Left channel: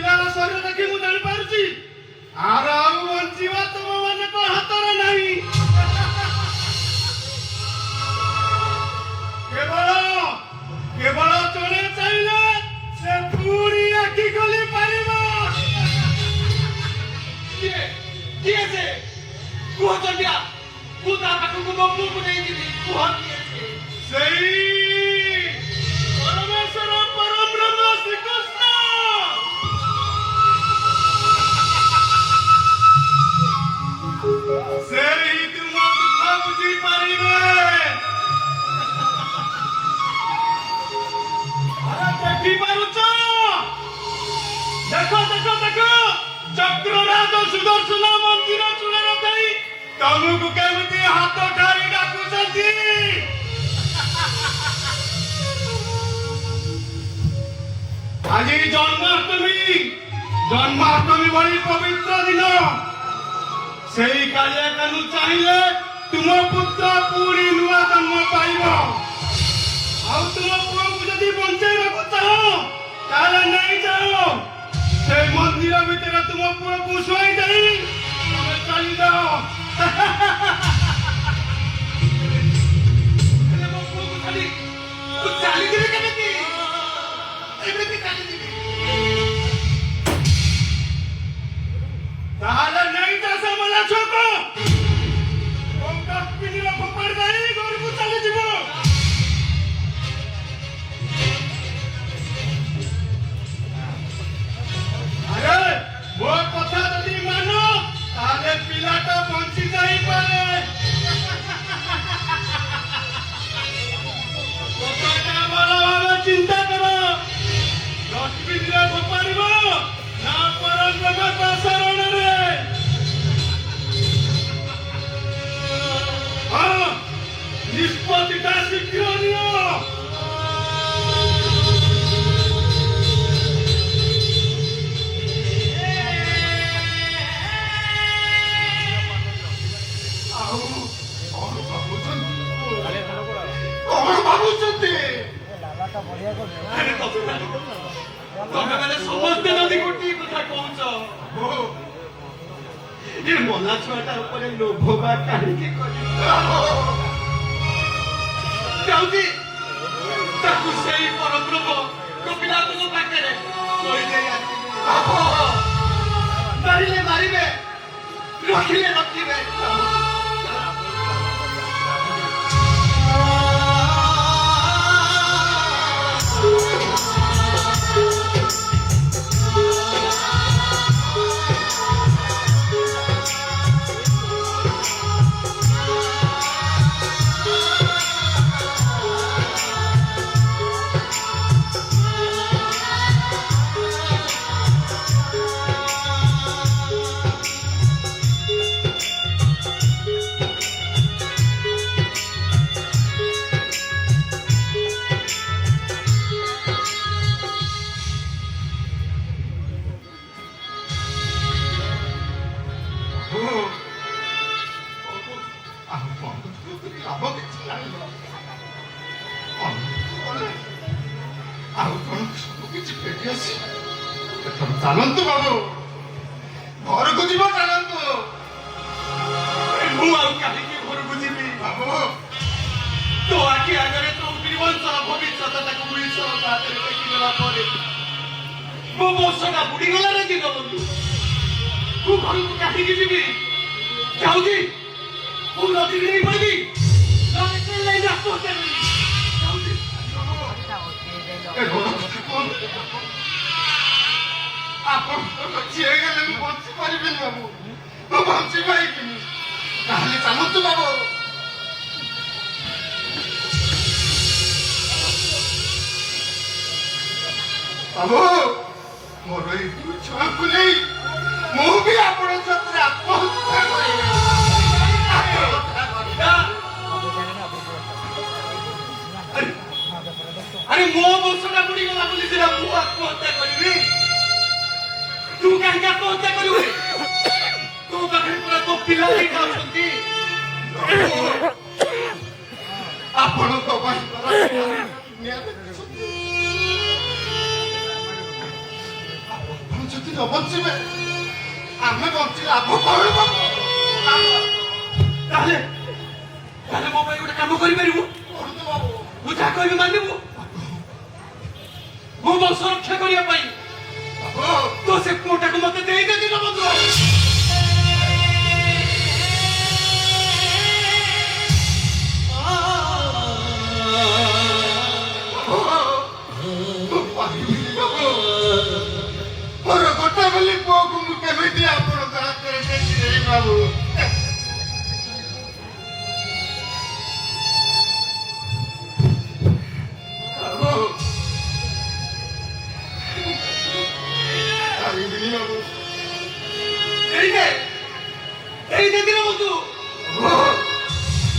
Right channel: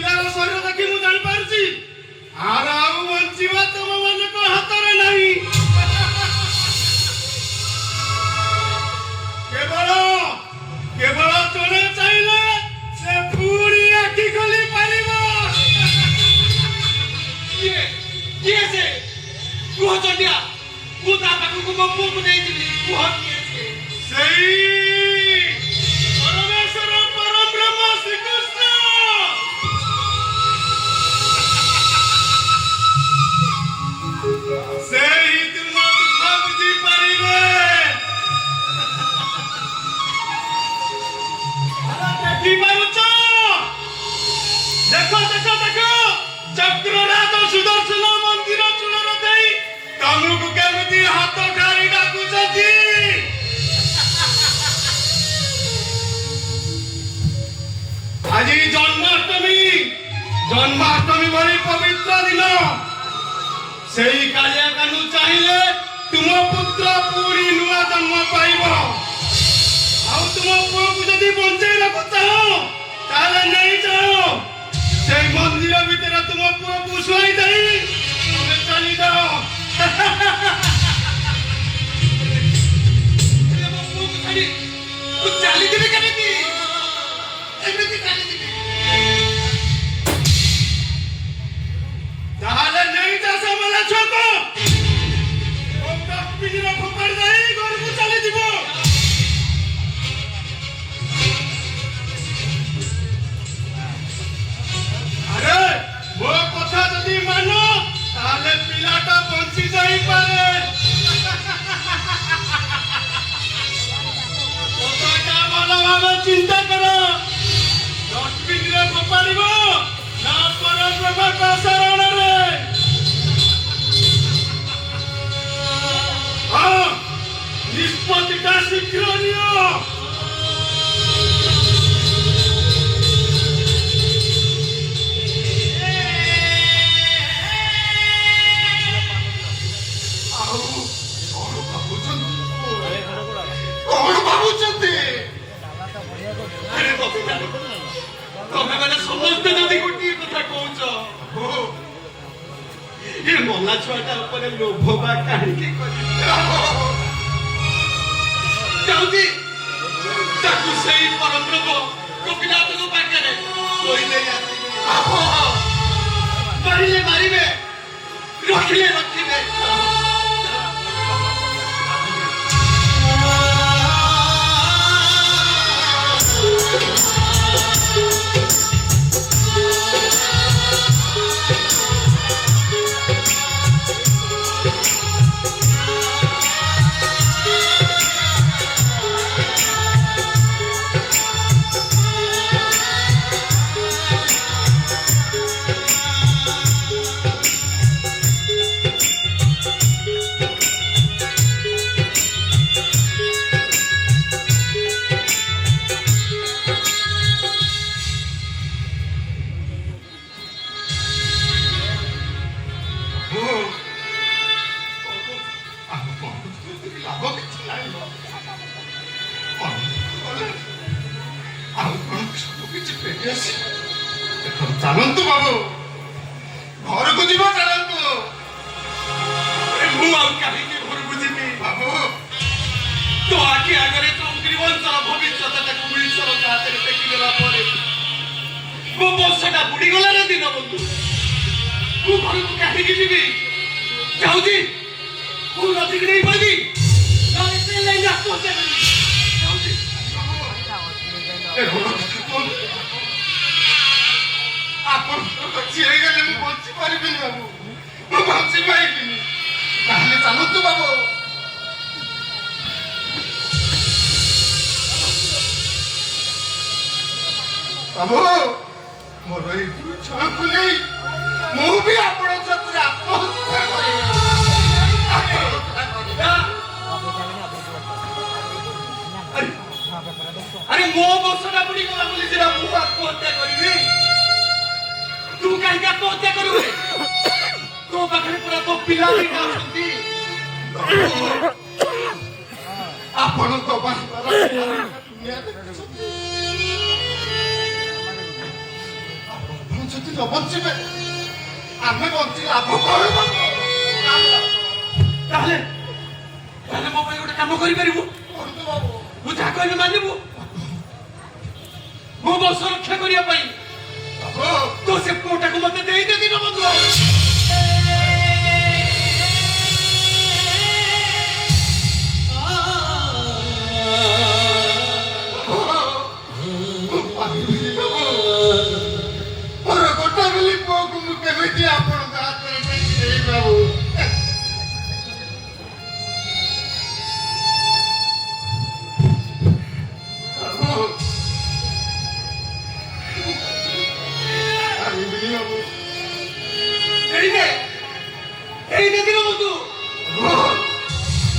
ପିଲାର ଶରୀର ଦେଖି ମୁଁ ଜାଣିପାରୁଛି ଆର ଆଉ ବଞ୍ଚିବା ତୁମ ମାନଙ୍କ ହାତରେ ନାହିଁ। କେବଳ ଜଣେ ଚାହିଁଲେ ସେ ପୁଣି ଆଖି ଖୋଲି ପାରିବ। କିଏ ସେ? କୁହ ଚଣ୍ଡିଆ, ମୁଁ ତା ପାଖକୁ ମୋ ପୁଅକୁ ନେଇଯିବି। କୁହ କିଏ ସେ? ସେଇ ପରମେଶ୍ୱର ପରବ୍ରହ୍ମ ଶ୍ରୀକୃଷ୍ଣ। ସେଇ ତୁମ ଦୁଃଖ ବୁଝିପାରିଲେ। ଦେଖିପାରୁଛ? ଦେଖ ଦେଖ ଦେଖ, ଚକ୍ରରାଜ ସୁଦର୍ଶନ ମନ୍ଦିର ଚୂଳରେ ଦେଇ ତମକୁ କେମିତି ହାତ ଠାରି ଡାକୁଛନ୍ତି। ଆଜି ଜନ୍ମାଷ୍ଟମୀ ଭଳି ପବିତ୍ର ଦିନ। ସେଇ କାଳିଆ କାନୁ ଚାହିଁଲେ ତୁମ ପୁତ୍ର ପୁଣି ନୂଆ ଜନ୍ମ ପାଇବ। ଆଉ ତୁମ ପୁଅକୁ ଯଦି ବଞ୍ଚେଇବାକୁ ଚାହ ତାହେଲେ ନେଇଯାଅ। ସେଇ ମନ୍ଦିର ଭିତରେ ତୁମ ପୁଅକୁ ଶୋଇ ଦେଇ ତମେ ଚାଲିଯାଅ। ମୋ ପୁଅକୁ ଛାଡ଼ି ତୁ ଚାଲିଯିବି କେମିତି? ଏମିତି ଚାଲିଯିବି? ତାହେଲେ ନେଇଯା ସେ ମଲା ଛୁଆକୁ। ଡଷ୍ଟବିନରେ ଫୋପାଡ଼ି ଦେଇ ଘରକୁ ଚାଲିଯିବ। ଆରେ ମୋ କଥା ଯଦି ମାନ ତାହେଲେ ପିଲାଟା ବଞ୍ଚି ଯାଇପାରେ। କଥାଟା ଭଲ ଭାବେ ଚିନ୍ତା କର। ଡଷ୍ଟବିନରେ ଫୋପାଡ଼ିବ ନା ପରବ୍ରହ୍ମଙ୍କ ଶରଣରେ? ହଁ, ନିଷ୍ପତ୍ତିଟା ଶୀଘ୍ର ନିଅ। କଣ ଭାବୁଛନ୍ତି? ତମେ ମାନେ ସମସ୍ତେ ଯଦି ଗୋଟିଏ କଥା କହୁଛ, ଏ ମଲା ଛୁଆଟା ଉପରେ ଲୋଭ ବା କାହିଁକି ଯାଉଛି? ତାକୁ ସେଇ ପରବ୍ରହ୍ମ ଗୋପୀନାଥଙ୍କ ପାଖରେ ଶୋଇ ଦେଇ ମାରିଲେ ମାରିବେ, ରଖିଲେ ରଖିବେ। ଚାଲନ୍ତୁ ବାବୁ, ଘରକୁ ଯିବ। ଚାଲନ୍ତୁ। ମୁଁ ଆଉ କାହିଁକି ଘରକୁ ଯିବି? ବାବୁ, ତୋ ଆଖି ଆଗରେ ତୋ ତ୍ରିବଂଶ ଭବିଷ୍ୟତଟାକୁ ଈଶ୍ୱରଙ୍କ ହାତରେ ଟେକିଦେଲା ପରେ ମୋ ବଂଶଟା ବୁଡ଼ିଗଲା ରେ ଦିନ ବନ୍ଧୁ। ମୁଁ ଘରକୁ କାହିଁକି ଯିବି? ଯାଉଛି ମୁଁ ନଦୀକି ନେଇ ପଡ଼ିବି, ନହେଲେ ସେ ନେଇ ଆତ୍ମହତ୍ୟା କରିବି। ଆପଣ ବଞ୍ଚି ହେଇଗଲେ ମୁଁ ବଞ୍ଚି ପାରିବିନି ବାବୁ, ମୁଁ ବଞ୍ଚି ପାରିବିନି। ତାହେଲେ ଚାଲନ୍ତୁ ବାବୁ। ବାବୁ, ମୋର ଏଇ ଦୁଇ ଛୁଆଙ୍କୁ ନେଇ ମୁଁ ବି ଆପଣ ସତରେ ଆତ୍ମହତ୍ୟା କରିବି। ଆରେ ମୋ ବଂଶଟା ବୁଡ଼ିଗଲା ବୋଲି ସିନା ମୁଁ ଆତ୍ମହତ୍ୟା କରିବି। ତୁ କାହିଁକି ଆତ୍ମହତ୍ୟା କରିବୁ? ତୋ ପାଖରେ ପୁରା ତୋ ପିଲା ଦିଟା ଅଛନ୍ତି। ଆପଣଙ୍କ ନ ବଞ୍ଚିବେ ଆମେ ବଞ୍ଚି ଲାଭ କଣ ବାବୁ? ତାହେଲେ ତାହେଲେ ମୋ ପାଇଁ ଗୋଟେ କାମ କରିପାରିବୁ? କୁହନ୍ତୁ ବାବୁ। ମୁଁ ଯାହା କହିବି ମାନିବୁ? ମୋ ବଂଶ ରକ୍ଷା କରିବା ପାଇଁ ତୋ ସେ ପୁଅଟାକୁ ମତେ ଦେଇଦେ ଦୀନବନ୍ଧୁ। ଗୋଟେ ବୋଲି ପୁଅକୁ ମୁଁ କେମିତି ଆପଣଙ୍କ ହାତରେ ଦେଇଦେବି ବାବୁ? ଦେଇଦେ ଦୀନବନ୍ଧୁ।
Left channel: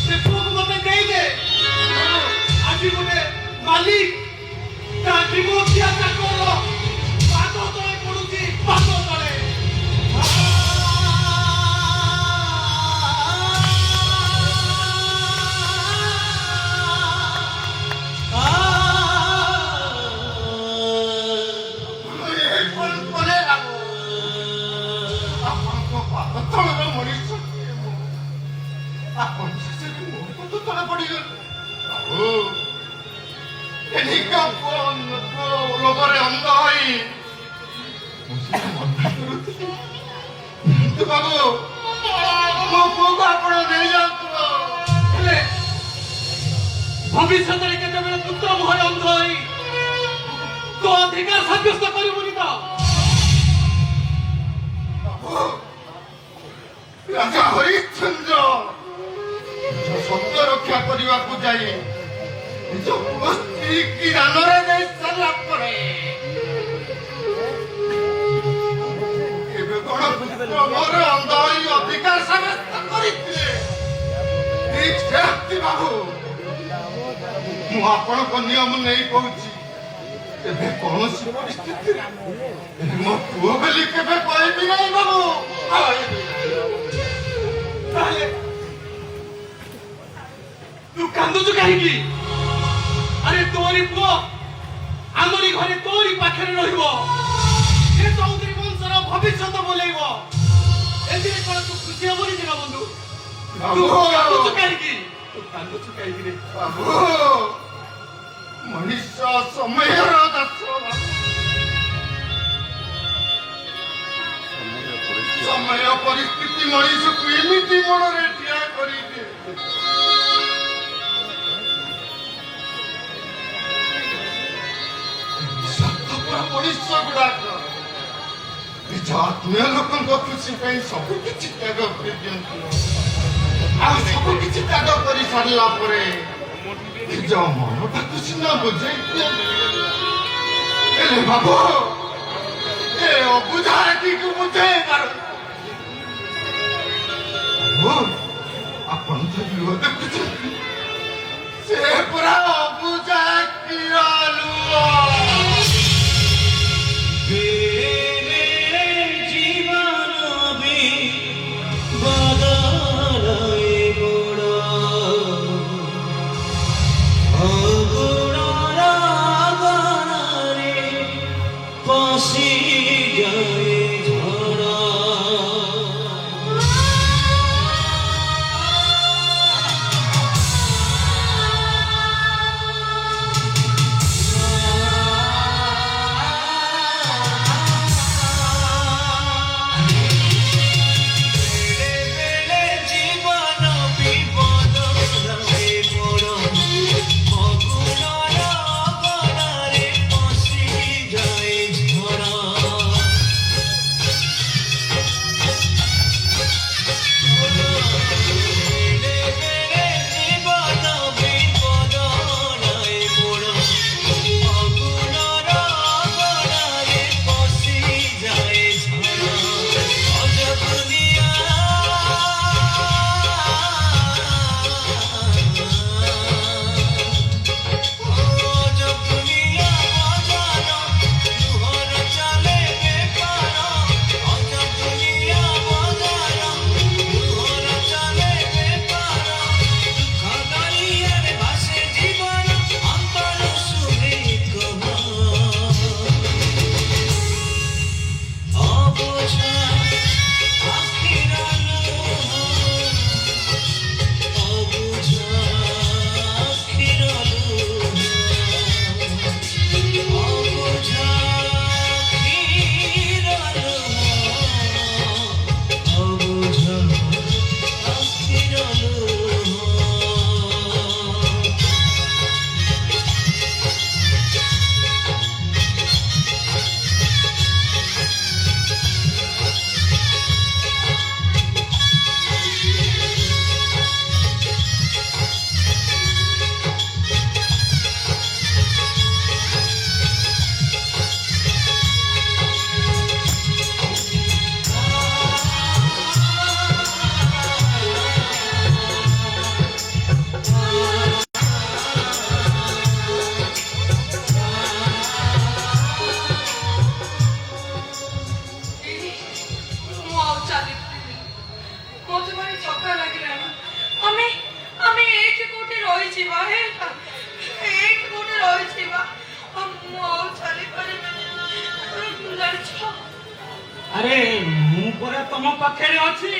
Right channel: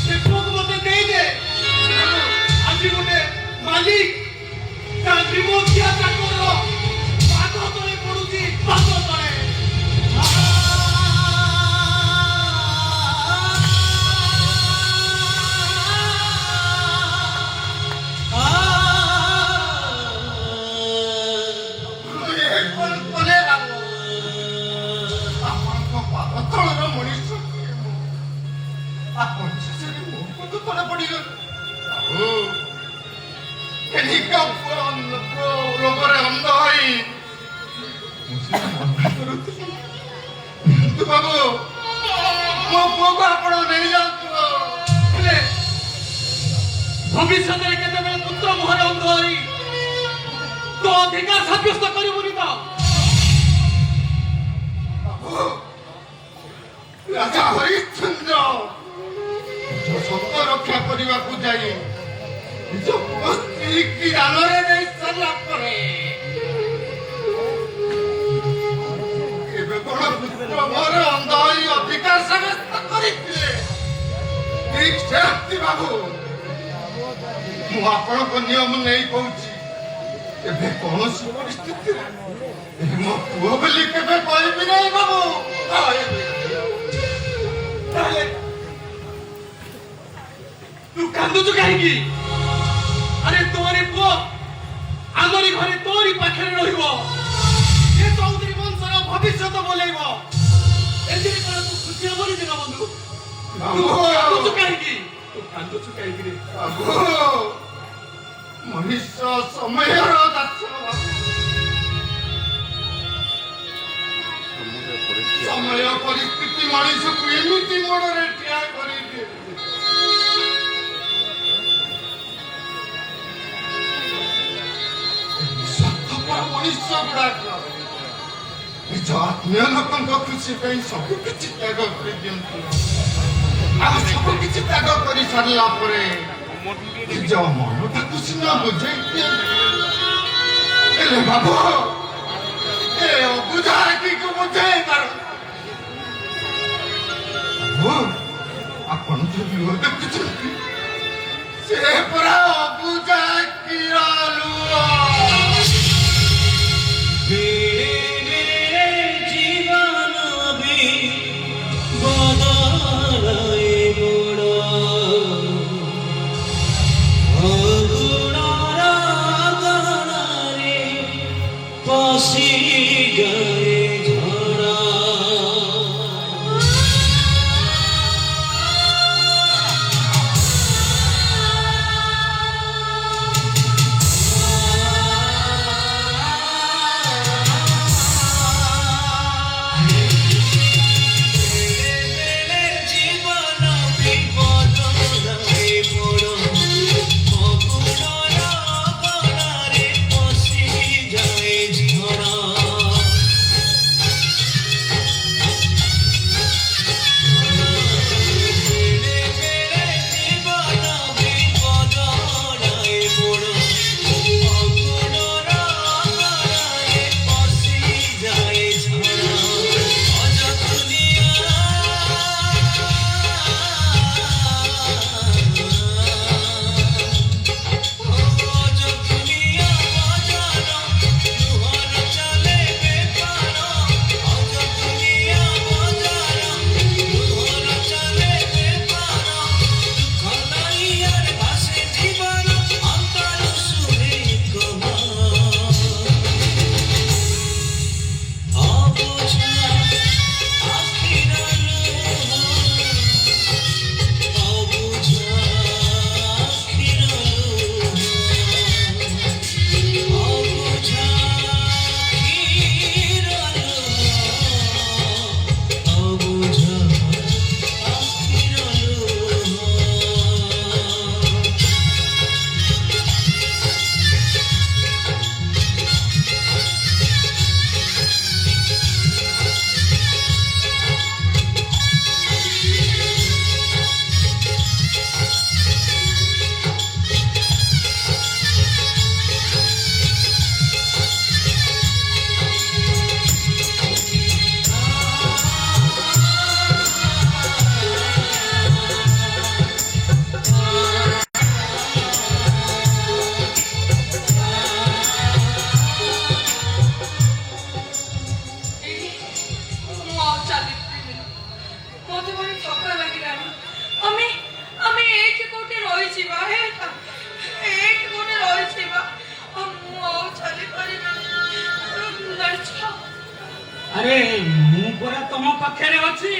ସେ ପୁଅକୁ ମତେ ଦେଇଦେ। ଆଜି ଗୋଟେ ମାଲିକ ତା ବିମୁଖିଆ ଚାକର ପାଦ ତଳେ ପଡୁଛି, ପାଦ ତଳେ। ବାବୁ ମୋ ପୁଅକୁ ଆପଣ ନେଇଯାଆନ୍ତୁ। ହେଲେ ଭବିଷ୍ୟତରେ କେତେବେଳେ ପୁତ୍ର ମୁହଁରେ ଅନ୍ଧ ହୋଇ ତୋ ଅଧିକାର ସାବ୍ୟସ୍ତ କରିବୁନି ତ? ରାଜା ହରିଶ୍ଚନ୍ଦ୍ର ନିଜ ସତ୍ୟ ରକ୍ଷା କରିବାକୁ ଯାଇ ନିଜ ପୁଅ ସ୍ତ୍ରୀ କି ଦାନରେ ନେଇ ସାରିଲା ପରେ ଏବେ କଣ ପୁତ୍ର ମୋର ଅନ୍ଧ ହୋଇ ଅଧିକାର ସାବ୍ୟସ୍ତ କରିଥିଲେ? ଠିକ ସେମିତି ବାବୁ ମୁଁ ଆପଣଙ୍କ ନିୟମ ନେଇ କହୁଛି, ଏବେ କୌଣସି ପରିସ୍ଥିତିରେ ମୋ ପୁଅ ବୋଲି କେବେ କହିବି ନାହିଁ ବାବୁ, କହିବି। ତାହେଲେ ତୁ କାନ୍ଦୁଛୁ କାହିଁକି? ଆରେ ତୋରି ପୁଅ ଆମରି ଘରେ ତୋରି ପାଖରେ ରହିବ, ସେ ଚୌଧୁରୀ ବଂଶର ଭବିଷ୍ୟତ ବୋଲେଇବ। ଏଥିରେ କଣ ତୁ ଖୁସି ହବନି ଦୀନବନ୍ଧୁ? ତୁ କାନ୍ଦୁଛୁ କାହିଁକି? ତୁ କାନ୍ଦୁଛୁ କାହିଁକି ରେ? ବାବୁ ମଣିଷ ସମୟର ଦାସ ବାବୁ। ସମୟ ପରିସ୍ଥିତି ମଣିଷକୁ ଏମିତି ମନରେ ଠିଆ କରିଦିଏ। ସ୍ୱାର୍ଥପର ମଣିଷ ଗୁଡାକ ନିଜ ଆତ୍ମୀୟ ଲୋକଙ୍କ ଖୁସି ପାଇଁ ସବୁ କିଛି ତ୍ୟାଗ କରିଦିଅନ୍ତି, ଆଉ ସବୁ କିଛି ତ୍ୟାଗ କରି ସାରିଲା ପରେ ନିଜ ମନଟାକୁ ସିନା ବୁଝେଇ ଦିଅନ୍ତି। ହେଲେ ବାବୁ ଏ ଅବୁଝା ଏଠିକୁ ବୁଝେଇ ପାରୁ। ଆପଣ ଯେ ଲୁହ ଦେଖୁଛନ୍ତି, ସେ ପୁରା ଅବୁଝା କିର ଲୁହ। ପରା ତମ ପାଖରେ ଅଛି।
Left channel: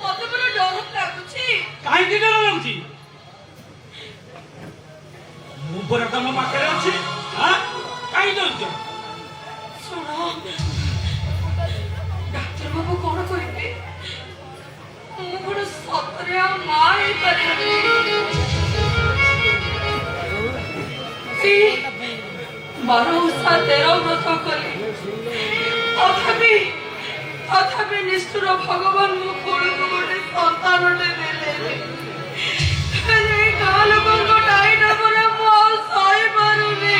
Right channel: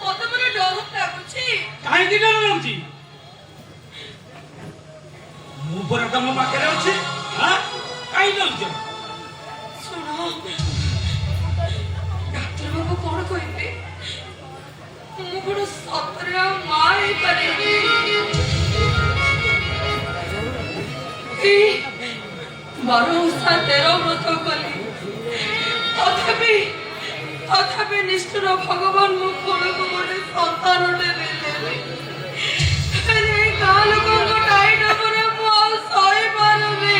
ମତେ ପୁରା ଡର ଲାଗୁଛି। କାହିଁକି ଡର ଲାଗୁଛି? ମୁଁ ପରା ତମ ପାଖରେ ଅଛି। କାହିଁ ଡରୁଛ? ଶୁଣ, ଡାକ୍ତର ବାବୁ କଣ କହିବେ? ମୁଁ କଣ ସତରେ ଆଉ ମା ହେଇପାରିବି? ବାର ଓଷା 13 ବ୍ରତ କଲି, ତଥାପି ନିଷ୍ଠୁର ଭଗବାନ ମୋ କୋଳକୁ ଗୋଟେ ସନ୍ତାନଟେ ଦେଲେନି। ହେଲେ ଏଇ ଗାଁ ଲୋକଙ୍କ ଟାଇଟା ପରେ ମୁଁ ଆଉ ସହିପାରୁନି।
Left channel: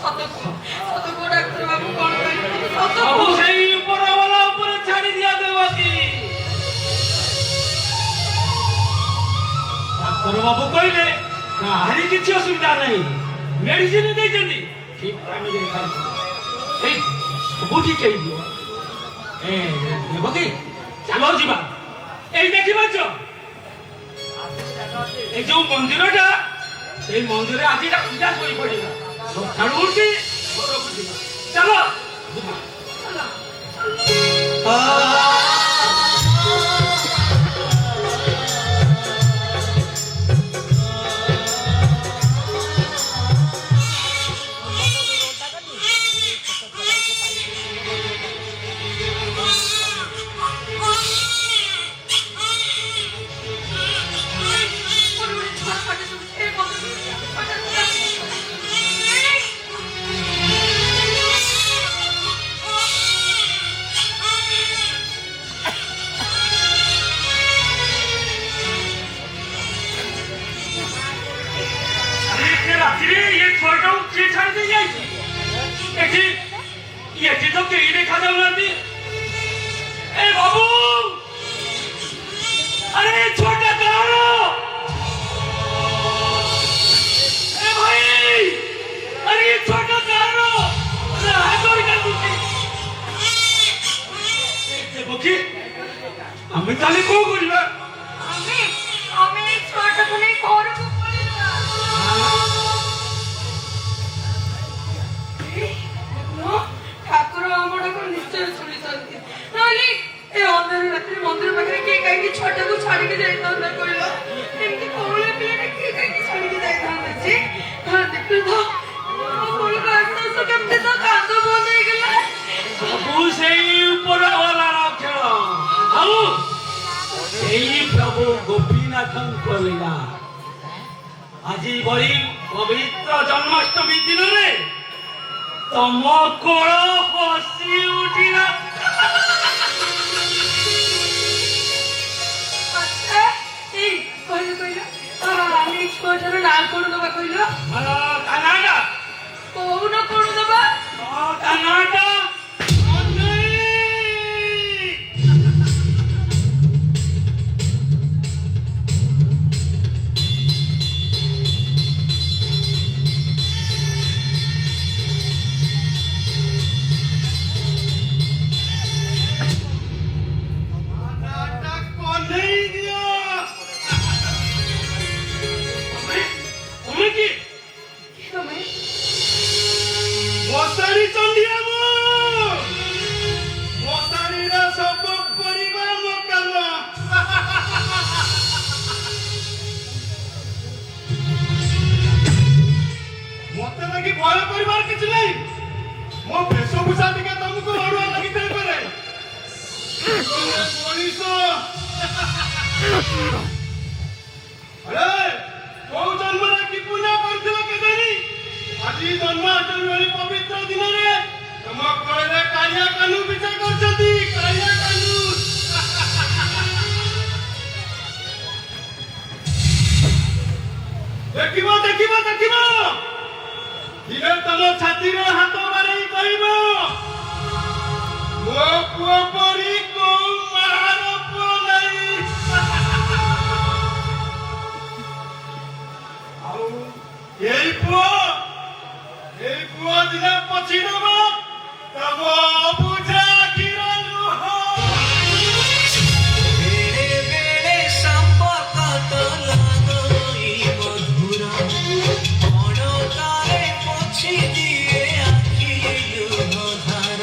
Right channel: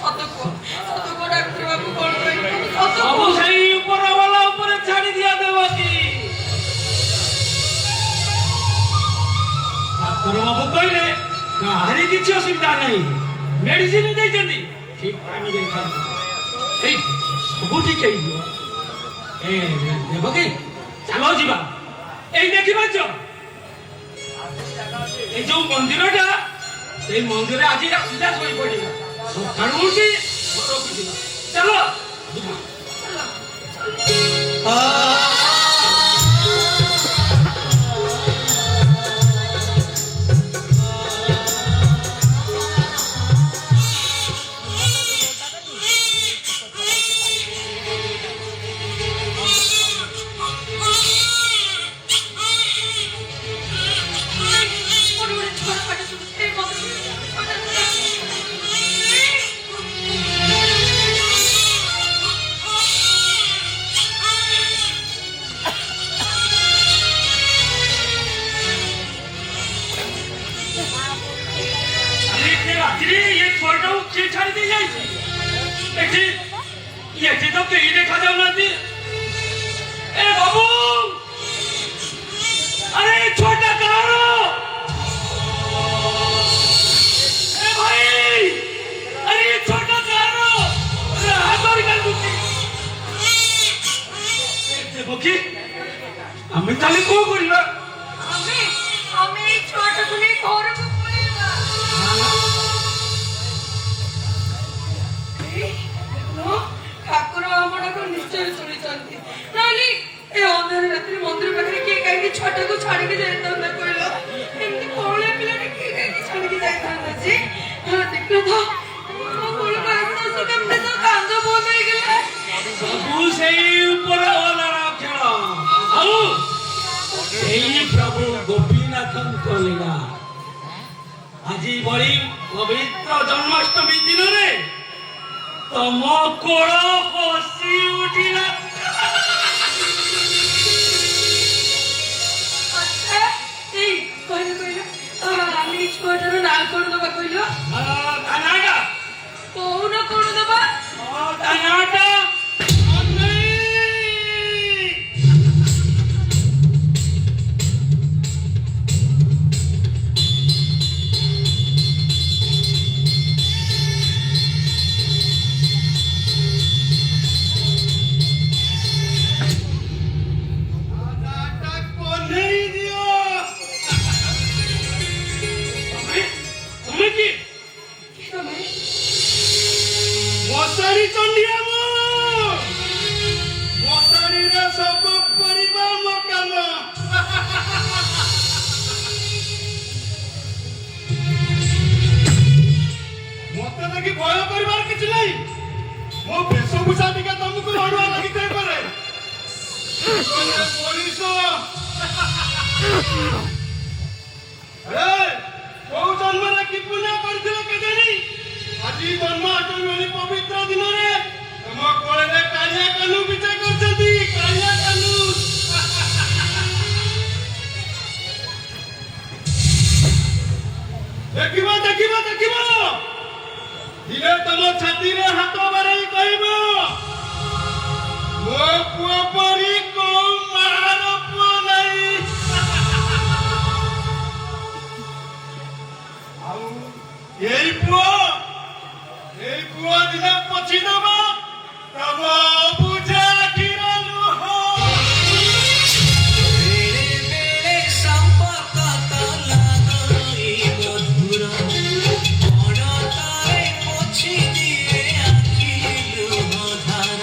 ସତକୁ ଡାକ୍ତର ବାବୁ କଣ କହିବେ? ସବୁ ସେଇ ଉପରବାଲା ଉପରେ ଛାଡି ଦିଆଦେବ କି? ଡାକ୍ତର ବାବୁ କହିଲେ କାହାରି କିଛି ଅସୁବିଧା ନାହିଁ, ମେଡିସିନ ଦେଇଛନ୍ତି, ଠିକ ଟାଇମରେ ଖାଇବ, ଏଇ ସବୁ ଠିକ ହେଇଯିବ। ଦେବ କି? ଚାଲ ଯିବା। ଏଇ ଦେଖିପାରୁଛ এই যে মন্দিরটা, সেই মন্দিরে আজ রাত্রিটা শোই পড়িলা, সকালু উঠি ঘরକୁ ଯିବା। ଚାଲ ଯିବା। এটি তো কেই দেখা যাউনাহাନ୍ତି। এ বাবু, আরে ছোটা কার? এ ভাই, আরে ছোটা কার? হাতড়ি কাটুছি। দেখি আমি তাহলে কো করিবা? আমি এই ছোটটাকে নেই ঘরକୁ পড়িবা। ଠାକୁର ଆମ ଡାକ ନିଶ୍ଚୟ ଶୁଣିଛନ୍ତି, ନହେଲେ ଏ ଅନ୍ଧାର ରାତିରେ ମନ୍ଦିର ପାଖରେ କିଏ କାହିଁକି ଛୋଟକୁ ଛାଡିକି ଯାଇଥାନ୍ତା କହିଲ? ଏମିତି କଅଁଳିଆ ପିଲାଟା କିଏ କାହିଁକି ଛାଡିକି ଯାଇଥାନ୍ତା ଯେ? ଦେଖିଲ ତ ମୋ କୋଳକୁ ଆସୁ ଆସୁ କେମିତି ତ କାନ୍ଦ ବନ୍ଦ ହେଇଗଲା। ସବୁ ସେଇ ଉପରବାଲାର ଖେଳ, ଆଉ ସେଇ ପ୍ରଭୁ ଗୋପୀନାଥଙ୍କ ଲୀଳା। ଆଜି ଭଳି ପବିତ୍ର ଜନ୍ମାଷ୍ଟମୀ ଦିନରେ ତମ କୋଳ ହସି ଉଠିଲା। କହିଲ ଆମେ ଛୁଆଟାର ନାଁ କଣ ଦବା କହିଲ? ତା ନାଁଟା କହୁନ କଣ ଦବା? ତା ନାଁଟା ମଶାରୀ ଚଣ୍ଡିଆ। ମଶାରୀର ସବୁ ପରିବା ମୋ କାମ। ମତେ ଲାଗି ଭୟ କରିବାର କିଛି ନାହିଁ। ମୋ ବେଶଭୂଷା ଟିକେ ତମକୁ ଅଡୁଆ ଲାଗିଥାଇପାରେ। ପୋଲିସ କୋଉ ଜନ୍ମରେ କି ପୁଣ୍ୟ କରିଥିଲ କେଜାଣି? ଆଜି ଜନ୍ମାଷ୍ଟମୀ ଭଳି ପବିତ୍ର ଦିନରେ ତମ କୋଳରେ କାଳିଆ କାହ୍ନୁ ବିଜେ କରିଛନ୍ତି। କାଳିଆ କାହ୍ନୁ ଦେଖିବ ଦେଖିବ ଦେଖିବ, ଦିନେ ତମ ଛାତିରେ ହାତ ମାରି କହିବ, ମୋ ପୁଅ ପରି କୋଉ ମାର ପୁଅ ନାହିଁ। ଆଉ ଏଇ ପୁଅ ଦିନେ ପଛିଦବ ତମ ବୁଝା କ୍ଷୀର ଲୁହ। ବେଳେ ସମ୍ପର୍କ ତ ଲାଗଇ ମଧୁର, ଅଣତାରେ ପୋଛି ଦିଏ ଆଖି ଲୁହ ଧାର।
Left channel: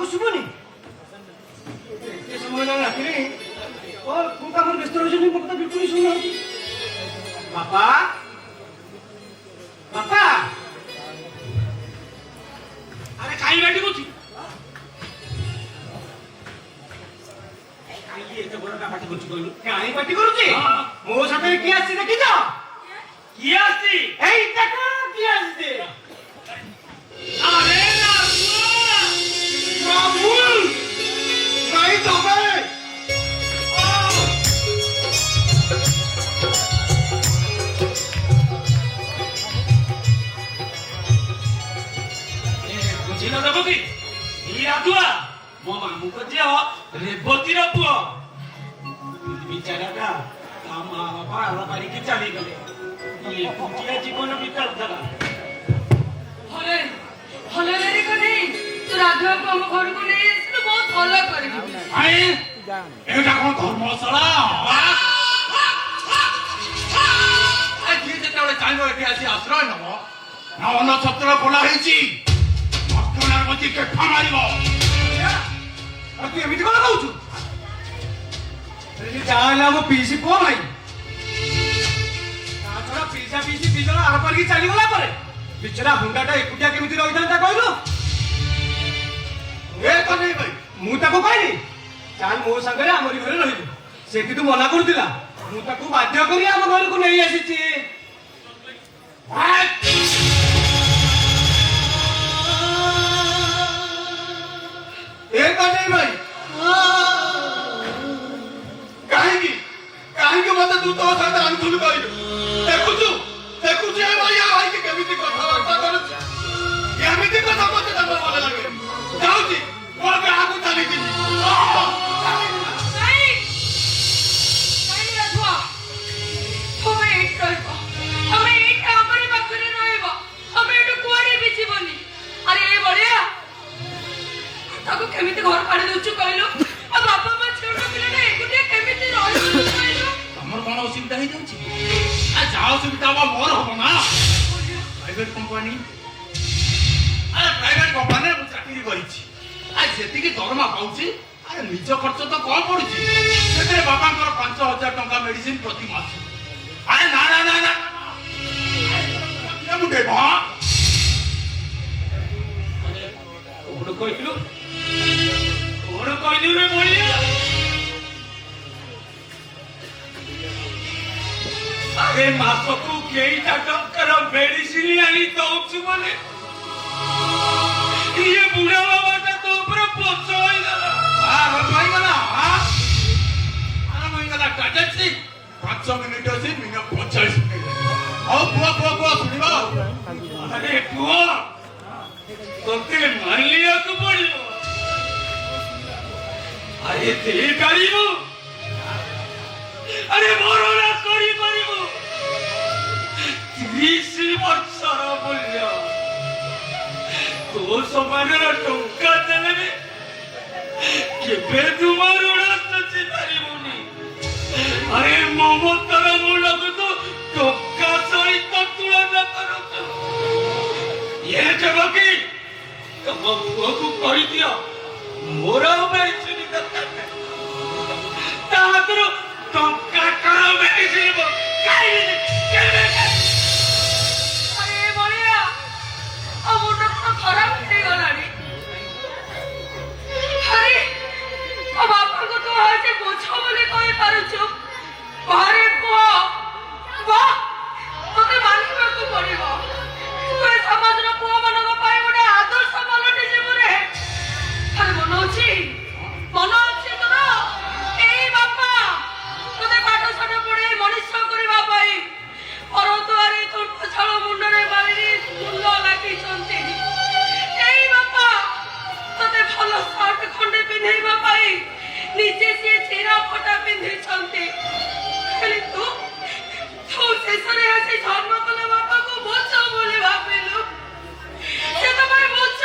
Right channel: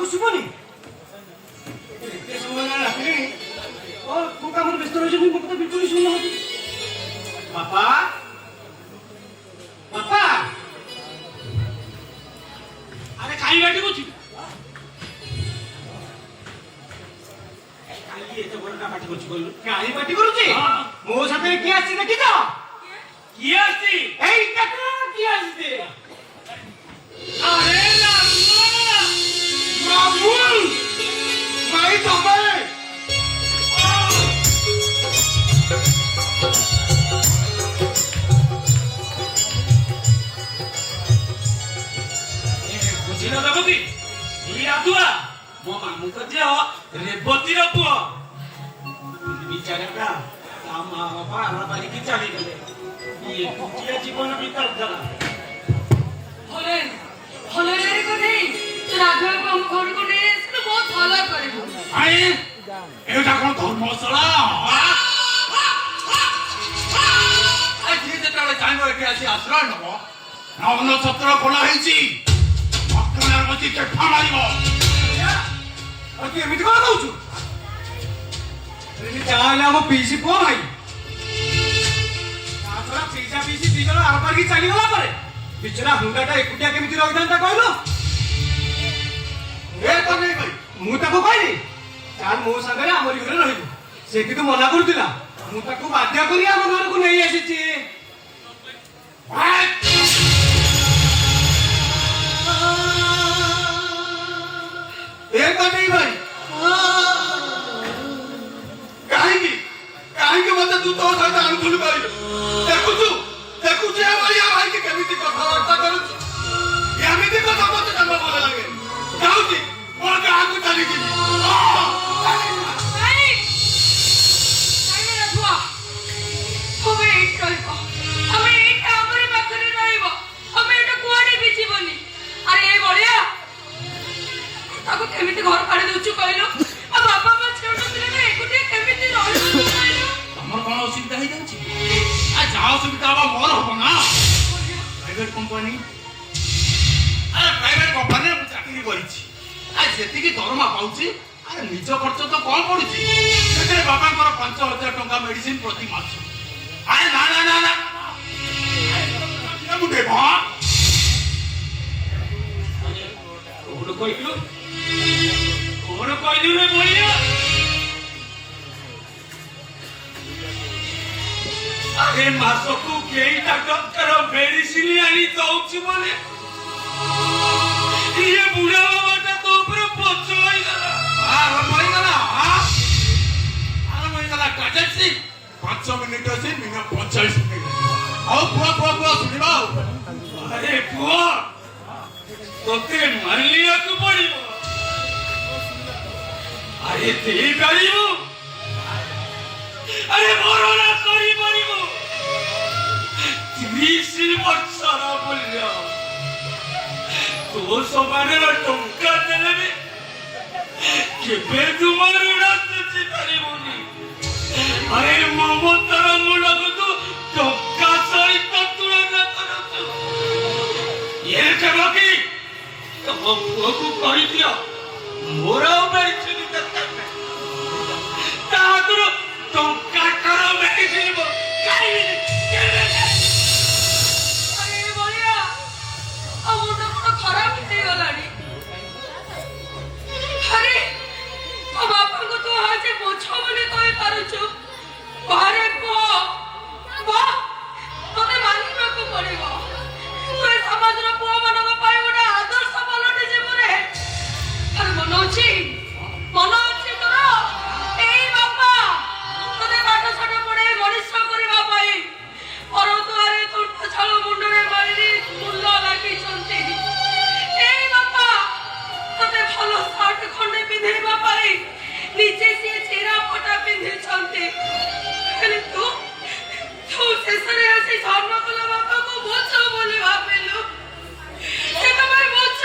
ବାପାକୁ ଶୁଭୁନି ଏତେ ସମୟ ହେଲା ରାତିରେ କୋଉ କାମରେ ବ୍ୟସ୍ତ ରହିଛନ୍ତି ମୋ କଥା ବିଲକୁଲ ଶୁଣୁନାହାନ୍ତି ବାପା ବାପା ଆରେ କାହିଁ ବାଟି କରୁଛୁ? କାହିଁକି ଏତେ ବଡଟା ପାଟି କରୁଛି କହିଲୁ କାହିଁ ପାଟି କରୁଛି ମୋ ସାଥିରେ କିଏ ଆସିଛି ଦେଖିଛ କିଏ ଆସିଛି? ଏଇ ଦେଖ କିଏ ଆସିଛି ଆରେ ରାହୁଲ ଭାଇ ତମେ ବୁଝିଲ ଦେବ କି? ଏଇ ଆଗୁଆ ମୋ ମାମୁଙ୍କ ଝିଅ ରେବତୀର ପୁଅ ବିଚାରାଟା ତା ମା ବାପା ଆଲା ପାରିକି ଚାଲିଗଲେ ଏକୁଟିଆ ଜୀବନ ବିତାଉଥିଲା ଭଲେ ଭଲରେ କରେ ତୁ ରାଘବକୁ ଆମ ଘରକୁ ନେଇ ଆସିଲୁ ବହୁତ ଭଲ କରିବୁ। ଆରେ ଏଇଟା କଣ ଧର୍ମଶାଳା? ଯିଏ ଯେତେବେଳେ ଚାହିଁବ ଏଠି ଆସି ଆଶ୍ରୟ ନବ ନବନ ଛତ୍ର ଖୋଲା ହେଇଛି ଭକ୍ତନାଗତି କେଫା ମାରିବ ତୁ ଏମିତି କଣ କହୁଛୁ ଯାହା ହେଲେ ଆମ ପିଇସି ପୁଅ ଭାଇ ତା ଛଡା ପିଇସା ପିଇସି ଦି ଜଣ ଆର ପାରିକି ଚାଲିଗଲା ପରେ ବିଚରା ହୁଣ୍ଡାଟା ଏକୁଟିଆ କେମିତି ରହିଥାନ୍ତା କହିଲ ମୁଁ ତାକୁ କହିଲି ଚାଲ ମୋ ସାଙ୍ଗରେ ଆମରି ଘରେ ରହିବୁ ସେ କିନ୍ତୁ ମନା କରୁଥିଲା ମୁଁ ତାକୁ ବାଧ୍ୟ କରି ଆମ ଘରକୁ ନେଇ ଆସିଛି ଭାଇ କାହିଁକି କାହିଁକି ମତେ ତୁ ତୋ ସହିତ ଆଣିଥିଲୁ କହିଲୁ? ଦେଖୁଛୁ ଦେଖୁଛୁ ଏ ବଳିଆ ଭାଇକି କେମିତି କଥାବାର୍ତ୍ତା କରୁଛି ଏମିତି କଥା ମତେ ତାଙ୍କ ଭଲ ଲାଗେ ଯାଉଛି ମୋ ଗାଁକୁ ଚାଲିଯିବି କେମିତି ଘର କାଢି ଦଉଛୁ କହିଲୁ ଆଉ ବାପା ମା ଛୋଟ ପିଲାଟା ଏକୁଟିଆ କେମିତି ରହିବୁ କହିଲୁ? ତମର କଣ ଅସୁବିଧା ହେଇଯାଉଛି? ଯାହା ଅସୁବିଧା ହବ ମୋର ହବ ନା ପ୍ରାଇଭେଟ କମ୍ପାନୀ ଆରେ ପ୍ରାଇଭେଟ କମ୍ପାନୀରେ ମୁଁ ଚାକିରି କରିଛି ଯେତିକି ଦରମା ପାଉଛି ଆରେ ନିଜ ଖର୍ଚ୍ଚ ତ କଣ ପଡୁଛି ସେଥିରେ ବାପାଙ୍କର 5,000 ଟଙ୍କା ମେଡିସିନ ପ୍ରତି ମାସ ଆରେ ନା ନା ନା ନା ମୁଁ ଦେବ କଣ କହିଲୁ କଣ କହିଲୁ ରେ ବଳିଆ ଆରେ ମାସକୁ କେଇଟା ଟଙ୍କାର ମେଡିସିନ ଆଣି ଦଉଛୁ ମାନେ ଇଏ ବୁଢା ବାବାଟା ତ ଉପରେ ପଛ ହେଇଗଲା ଆରମ୍ଭ ହେଇଗଲା ଟ୍ରାଜେକ୍ସି 5 ମିନିଟ ଅଛି ମିନିମମ୍ 45 ମିନିଟ ଆଉ ପୁଅ ଶୁଣିବ ଆରେ ପୁଅ ତୋତେ ମାନିବାକୁ ପଡିବ ଆରେ ଦେଇପାରିବୁ ଆରେ ମରଣା କରିପାରିବୁ 30 ବର୍ଷର ମୂଲ୍ୟ ତୋ ସମାନର ଟଙ୍କା ଦେଲେ କେବେ ତୁମ ଋଣ ଶୁଝି ପାରିବୁନି ଆରେ ମମତାର ମୂଳକୁ ତୁ ଟଙ୍କା ସହିତ ତୁଳନା କରୁଛୁ ଇଏ କେବ କି ତମ ପୁଅକୁ କହିଦିଅ ମୋର ମେଡିସିନ ଦରକାର ନାହିଁ ତା ହାତରୁ ଟଙ୍କାକାର ମେଡିସିନ ଖାଇବିନି ଆରେ ବଳିଆ ଆଉ ମୁଣ୍ଡ କଣ ଖରାପ ହେଇଗଲାଣି ଆରେ ଆଉ ବାପାଙ୍କୁ ତୁ ଆଜି ବୁଝ ବୋଲି କହିପାରୁଛୁ ଆରେ ପୁଅ ତତେ ମାନିବାକୁ ପଡିବ ତୁ ଏ ସମାଜର ପୁଅ ମାନଙ୍କ ପାଇଁ ଗୋଟେ ଆଦର୍ଶ ପାଲଟି ଯିବୁ ରେ ଆରେ ମନ ଅଛି ତୋର ଏଇ ବାପା ତତେ ପାଠ ସାଠ ପଢେଇ ମଣିଷ କରିବା ପାଇଁ ପରଦୁଆରେ ତୁର୍ତ ଛାଳ ମୁଣ୍ଡରେ ମାରି ଫୁଲ ଲାଗିଛନ୍ତି ଏଇ ବାପା ତତେ ଭଲ ସାର୍ଟ ଖଣ୍ଡେ ପିନ୍ଧେଇବା ପାଇଁ ନିଜେ ସିଏ ଚିରା ଫଟା ପିନ୍ଧିଛନ୍ତି ହେଲେ ତୁ ଶେଷରେ ଆସି ଜନ୍ମ କଲା ବାପାକୁ ବୁଝ ବୋଲି ଭାବିଲୁ ସେ ତମେ ବୁଝ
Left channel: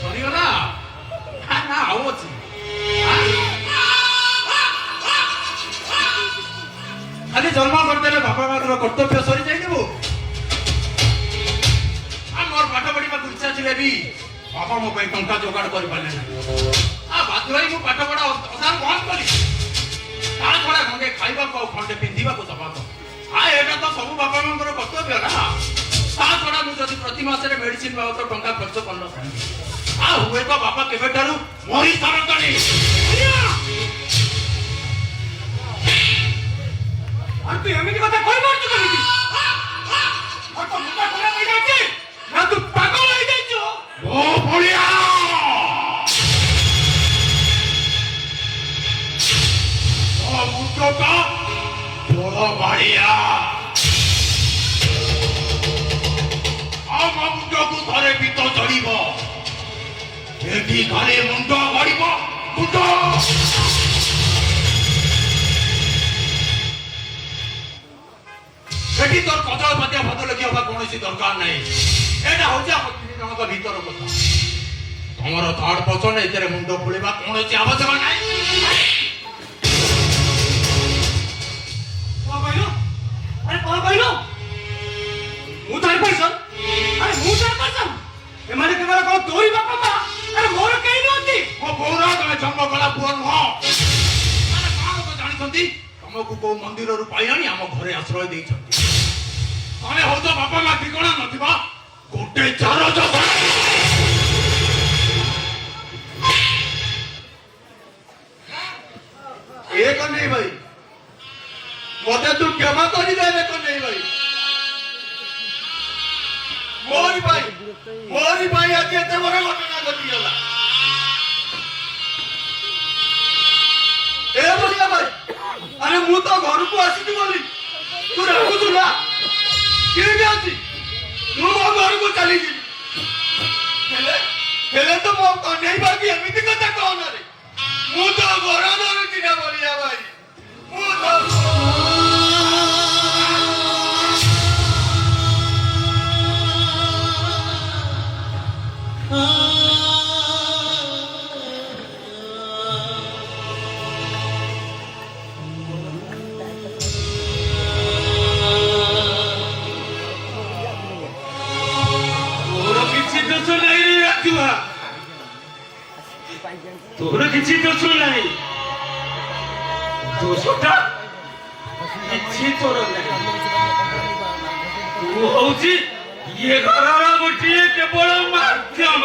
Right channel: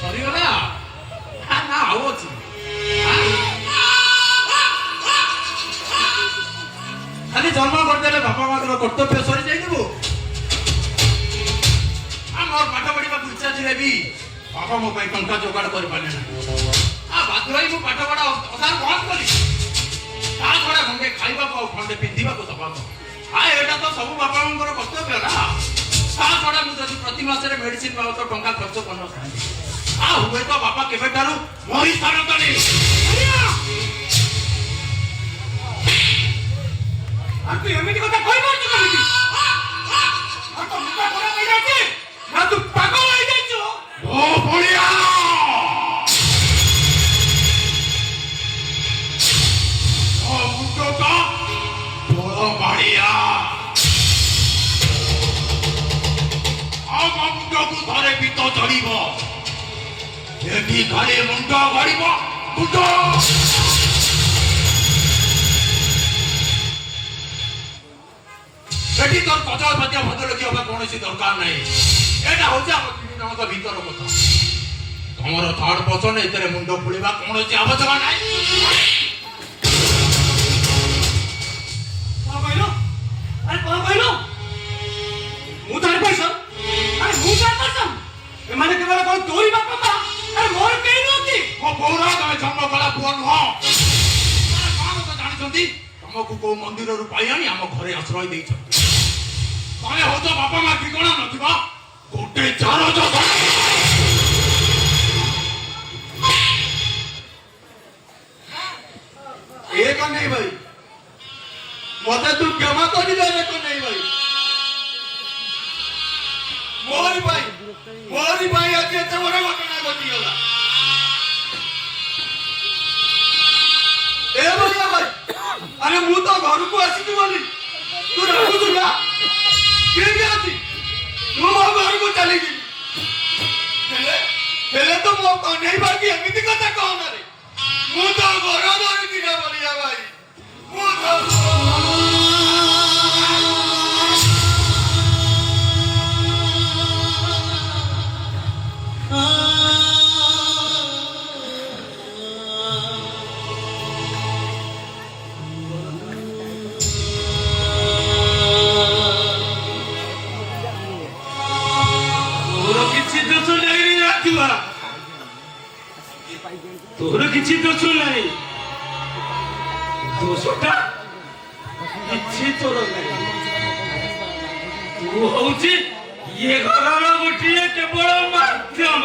ସରିଗଲା ନା ଆଉ ଅଛି ଖାଲି ଜନ୍ମ କରିଦେଲେ ବାପା ମାଙ୍କର କର୍ତ୍ତବ୍ୟ ସରିଯାଇଯିବୁ ମୋର ପାଠ ପଢିବାକୁ ଇଚ୍ଛା ଥିଲେ ବି ବାବା ବାପା ମୋ ପାଇଁ ଟଙ୍କା ଯୋଗାଡ଼ କରିପାରିଲେ ନାହିଁ ବାଧ୍ୟ ହୋଇ ମୁଁ ପାଠ ପଢା ଅଧାରୁ ବନ୍ଦ କଲି ତା ଛଡା ଖଣ୍ଡେ ଖାଇବାକୁ ଆଉ ଖଣ୍ଡେ ପିନ୍ଧିବାକୁ ଦବାକୁ ଏଇଟା ତ ସବୁ ବାପା ମାଙ୍କର କର୍ତ୍ତବ୍ୟ ନା ତା ଛଡା ମୁଁ ଯଦି ପ୍ରତି ମାସରେ ମେଡିସିନ ବାବଦ ଟଙ୍କା ଖର୍ଚ୍ଚ କରିନଥାନ୍ତି ହୁଏତ ବାପା କେବେଠାରୁ ମରି ସାରନ୍ତାଣି ତୁ ଏମିତି କଥା କହିପାରୁଛୁ କେମିତି ତୋ ମୁଣ୍ଡ ଖରାପ ହେଇଯାଇଛି ନା ତୁ ପାଗଳ ହେଇଯାଇଛୁ ଓ ବଳିଆ ଓ ମୁଣ୍ଡଟା ବଡ଼ ବାଳିଆ ଆମ ମୁଣ୍ଡକୁ ଥରେ ପିତ ଚଢ଼ିବ ଏଠି ଘରେ ମୁଣ୍ଡ ଗଡ଼ିବ ମୁଣ୍ଡ ସେଠି ତୋର କଦଳ ପାତିଆ ଭଦ୍ରଲେଖି ହବା କୌଣସି ଦରକାର ନାହିଁ ଏଇଟା ହଉଛି ଆମ ତିନି ଜଣଙ୍କ ଭିତର କଥା ତମର ଥାର୍ଡ ପର୍ସନ ଏଥିରେ ମୁଣ୍ଡ ଖୋଳିବା କୌଣସି ଆବଶ୍ୟକ ନାହିଁ କଣ କହିଲୁ ମୁଁ ଥାର୍ଡ ପର୍ସନ ଏମାନେ କେବଳ କଣ ତୋରି ବାପା ମା ମୋର କେହି ନୁହନ୍ତି ମୋ ବୋଉର ତମେ ଜନ୍ମ କଲା ପୁଅ ନୁହଁ କଣ ଜାଣିଛନ୍ତି ତମକୁ କୋଉ ମନ୍ଦିରରୁ ପାଇ ଆଣି ଆମ ଘରେ ଆଶ୍ରୟ ଦେଇଛନ୍ତି ତମେ ହଉଛ ବାପା ମା ଠିକଣା ନଥିବ ଗୋଟେ ଚାର ଏ କହ୍ନେଇ ଭାଇ ମତେ ତୁ କ୍ଷମା କରିଦେ କହ୍ନେଇ ଭାଇ ମୋରି ପାଇଁ ଆଜି ଏତେ ବଡ ଘଟଣା ଘଟିଗଲା ଏ ବଢିଆ ଭାଇ ଆରେ ମୁଁ ତ ଘରକୁ ଆସିଛି ବୋଲି ତୁ ଡାକୁଛୁ ନା କେମିତି ଅଛି ମୁଁ ମୋ ଘରକୁ ଚାଲିଯିବି ହେଲେ ତ ମୋ କହ୍ନେଇ ଭାଇ ଏମିତି କଥା କହନା ରେ ମୁଁ ତ ଘର ଧରୁଛି ନା ବଢିଆ ଭାଇ ମୁଁ ତ ତୋର କିଛି ଦୋଷ ନାହିଁ ଦୋଷଟା କିଛି ତୋର ନାହିଁ ତୁ ହଉଛି ଇଏ ଘରର ଗୋଟିଏ କେବଳ ମାଧ୍ୟମ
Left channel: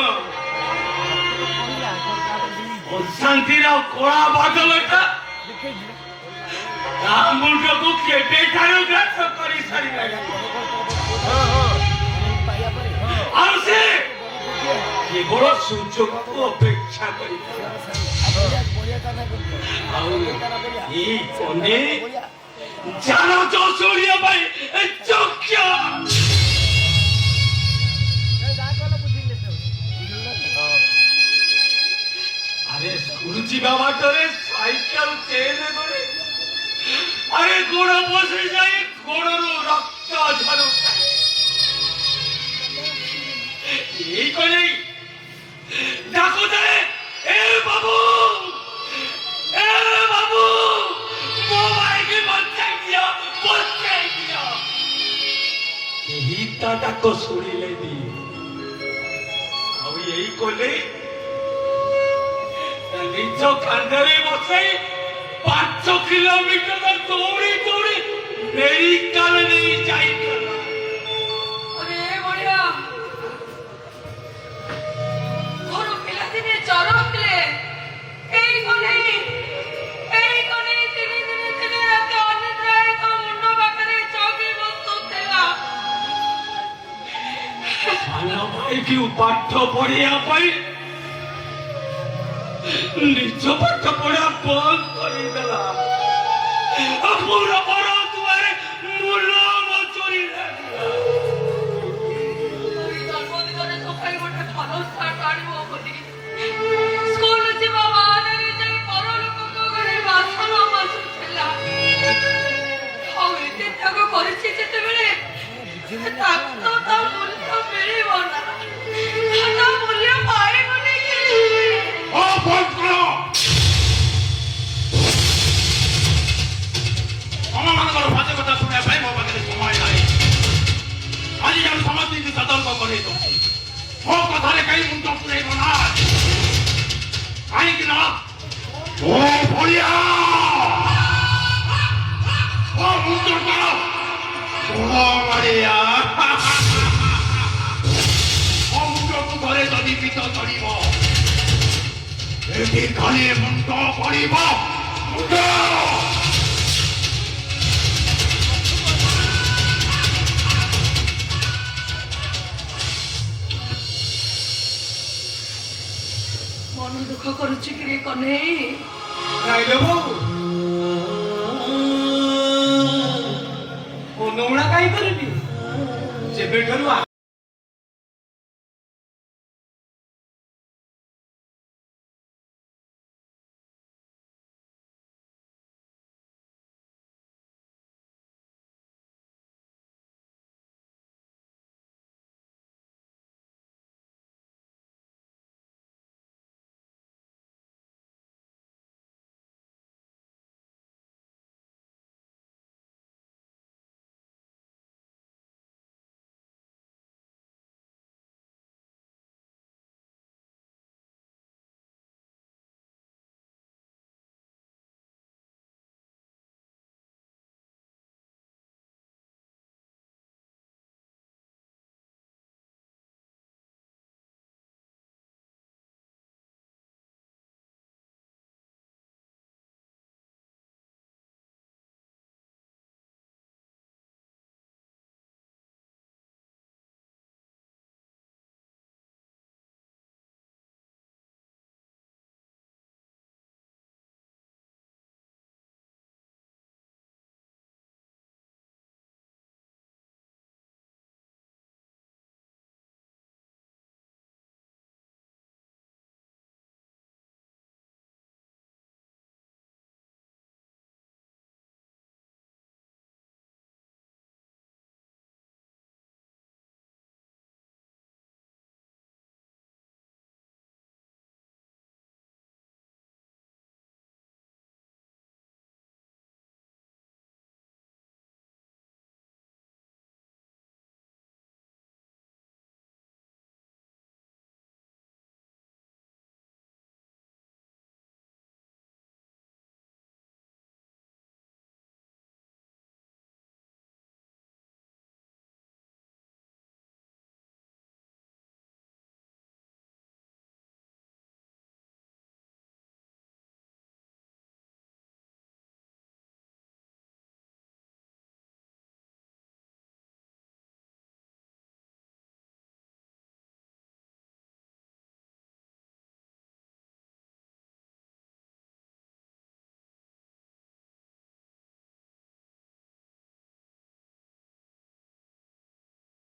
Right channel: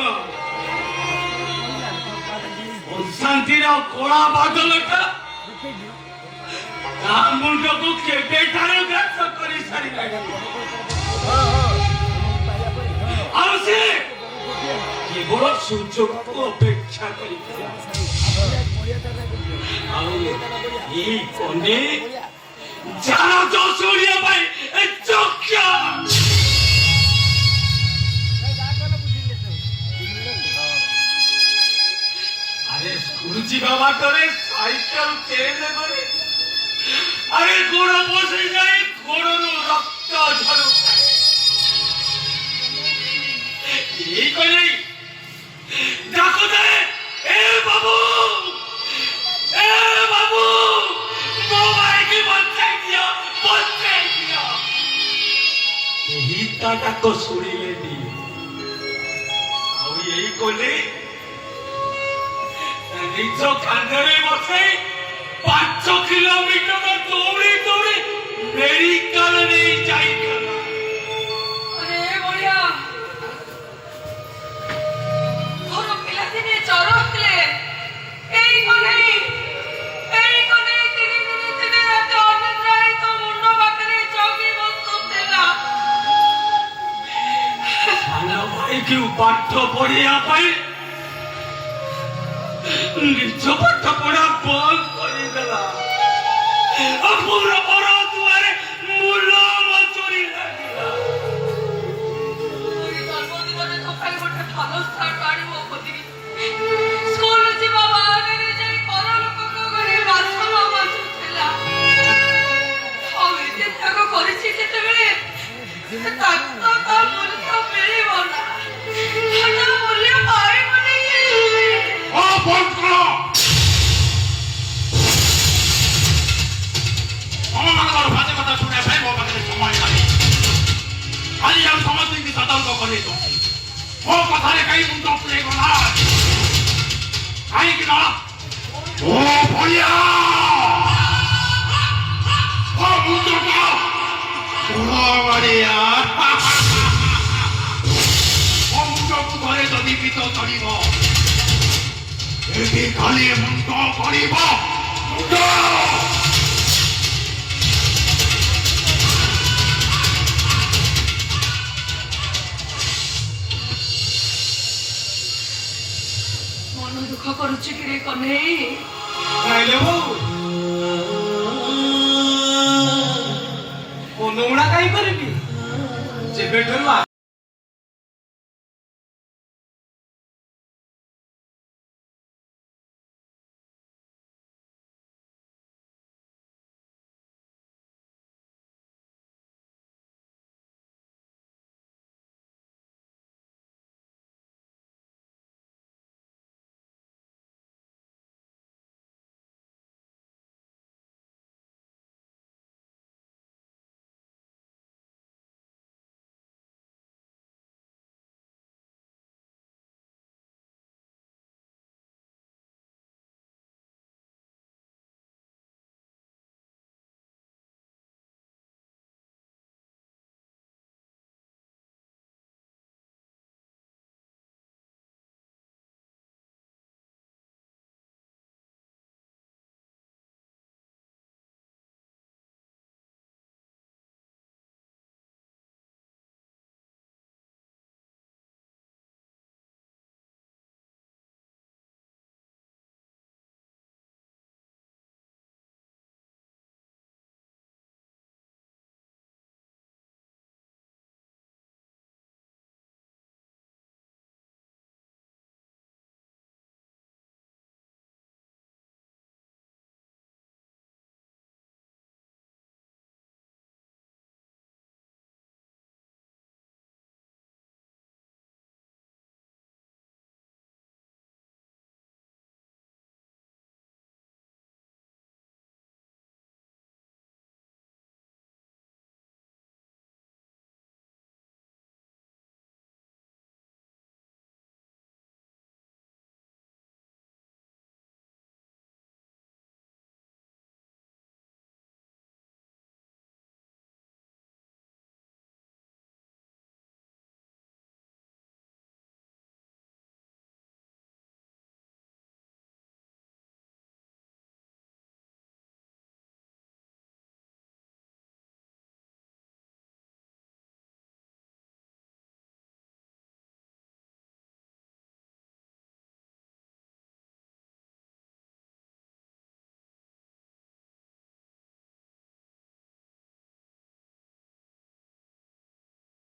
ଅଶାନ୍ତିର କଳା ବାଦଲଟା ତା ମୁଣ୍ଡକୁ କେବେଠାରୁ ଗ୍ରାସ କରି ସାରିଲାଣି ଆଉ ସେ କେବଳ ସୁଯୋଗକୁ ଅପେକ୍ଷା କରି ଆଉ ଏଇ ପଣ୍ଡେ ଯାର ଶୁଣିବା ପାଇଁ ଚକ୍ଷ আরে স্কুল ଯିବା ବାଟରେ ସାଇକେଲ ଚେନ କରି ଆରେ ଗୋଡ଼ ବସି ଯାଇ ଗୋଡ଼ରୁ ରକ୍ତ ଝରୁଥାଏ এই করে ডাকুଥାଏ ଏ ବାବୁ ମୋ ଭାଇକି ବଞ୍ଚାଇ ଦିଅ ଏହି ତା ଡାକ ଶୁଣିଲେନି ଆଉ ଏଇ କଲେ ନିଜ କାନ୍ଧରେ ବସାଇ 5 କିଲୋମିଟର ଦୌଡ଼ି ଦୌଡ଼ି ମେଡିକାଲ ନେଇ ଯାଇଗଲା अरे बढ़िया और पिलादिने जर होतले एई कोने दिने तो अनिद्राय तो मुंडो पाखरे चौकी बसुतेला साला भाई की पाठ पढ़िया पाई निज पाठ पढ़ा बंद କରିଦେଲା पूरा बड़ दुआरे मूला मचरी लागला ओई जन्मदिନରେ ତ ଖାଲି ଗୋଟେ ଭଲ ଷ୍ଟାର୍ଟ ଆଣିବ ବୋଲି ସ୍କୁଲ ଯିବା ବାହାନରେ ଯାଇ ପର ଲୋକଙ୍କ ଘରେ ବାସନ ମାଜୁଥିଲା ଆଉ ଏତେ ତ୍ୟାଗ କରିଛି ଯେତେବେଳେ ତାକୁ ତା ମୂଲ୍ୟ ମିଳିବ ନା ତା ମୂଲ୍ୟ ପାଇବନି ଓ ବନ୍ଦ କର ଆମମାନଙ୍କର ଭାଷା କଥା ଶୁଣିବା ପାଇଁ ମୋ ପାଖରେ ସମୟ ନାହିଁ ଆଜି ଆମେ ସମସ୍ତଙ୍କୁ ସତର୍କ କରି ଦେଉଛି ମୋ କଥାରେ କାହିଁ ମୁଣ୍ଡ ପୁରେଇବ ନା? କାହିଁକି ନା ମୋ ଭଳିଆ ମୋ ମୁଣ୍ଡଟା ମୋ ଭଳିଆ ମୋ ମୁଣ୍ଡକୁ ଘରେ ଯଦି ପିତ ଚଢ଼ିବ ଏଠି ଖାଲି ମୁଣ୍ଡ କରିବ ମୁଣ୍ଡ। ମନ ଦୁଃଖ କରୁଛି କି ରେ କହ୍ନେଇ? ନାଇଲୋ ବୋଉ, ଅନୁଗୁଣା କାହିଁ କରିବି? ଯେବେଠାରୁ